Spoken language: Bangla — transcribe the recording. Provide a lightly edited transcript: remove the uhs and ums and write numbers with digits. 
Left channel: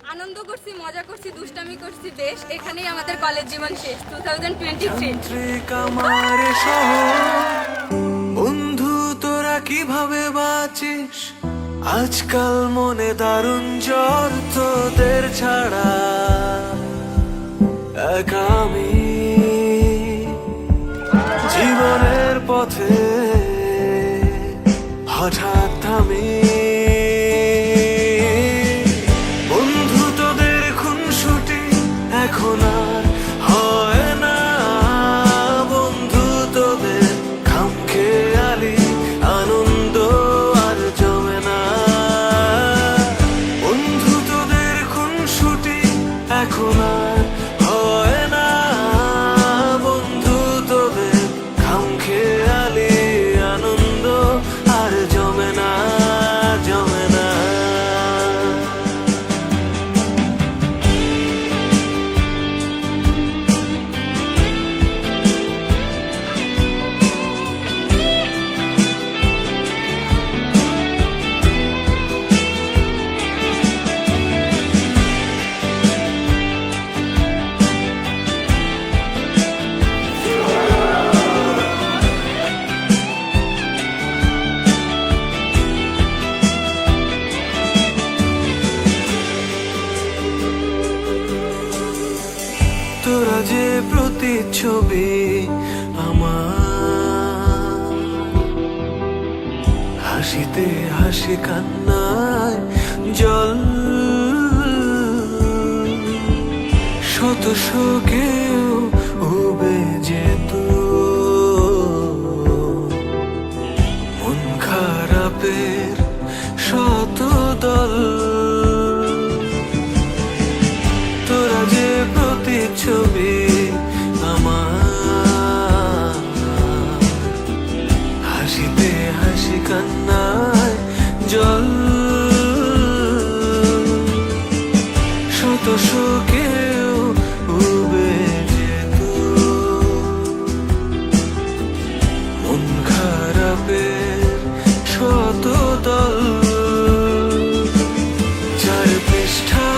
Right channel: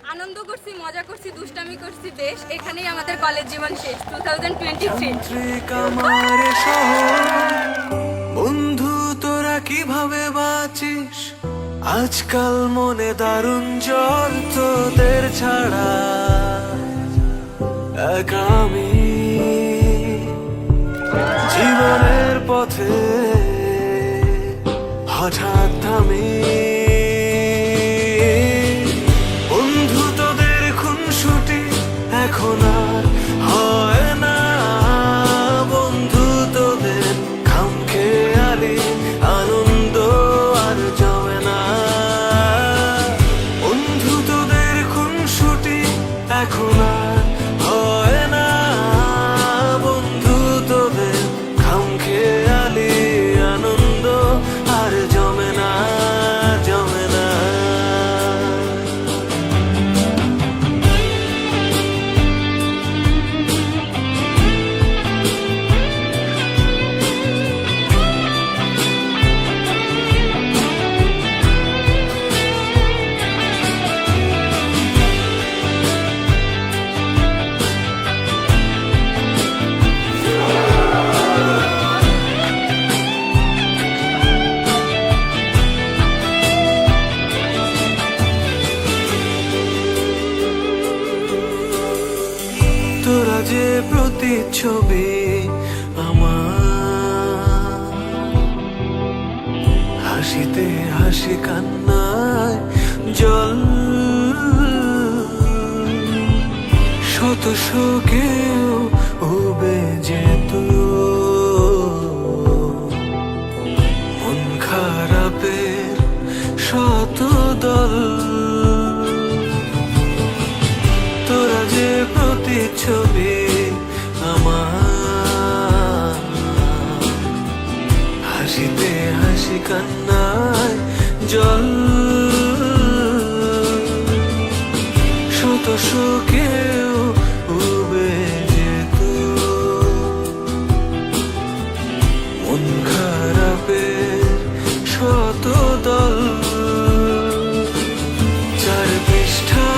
আনন্দ করছি, মজা করছি, দুষ্টামি করছি বেশ। এখানেই আমাদের কলেজ জীবন শেষ। 2023 বন্ধু তোরা কিভাবে বাঁচিস আজকাল? মনে দারুণ জ্বর তোদের ছাড়া একা আমি জীবনের পথে হঠাৎ থামি। বন্ধু তোদের খুনসুটি এখন আর হয় না, বন্ধু তোদের খামখেয়ালি আনন্দ আর জমে না। বন্ধু তোদের খুনসুটি এখন আর হয় না, বন্ধু তোদের খামখেয়ালি আনন্দ আর জমে না, জমে না। তোরা যে প্রতিচ্ছবি আমার, হাসিতে হাসি কান্নায় জল, শত শোকেও উবে যেত মন খারাপের শত দল। তোরা যে প্রতিচ্ছবি আমার, হাসিতে হাসি কান্নায় জল, শত শোকেও উবে যেত মন খারাপের শত দল। চার পৃষ্ঠা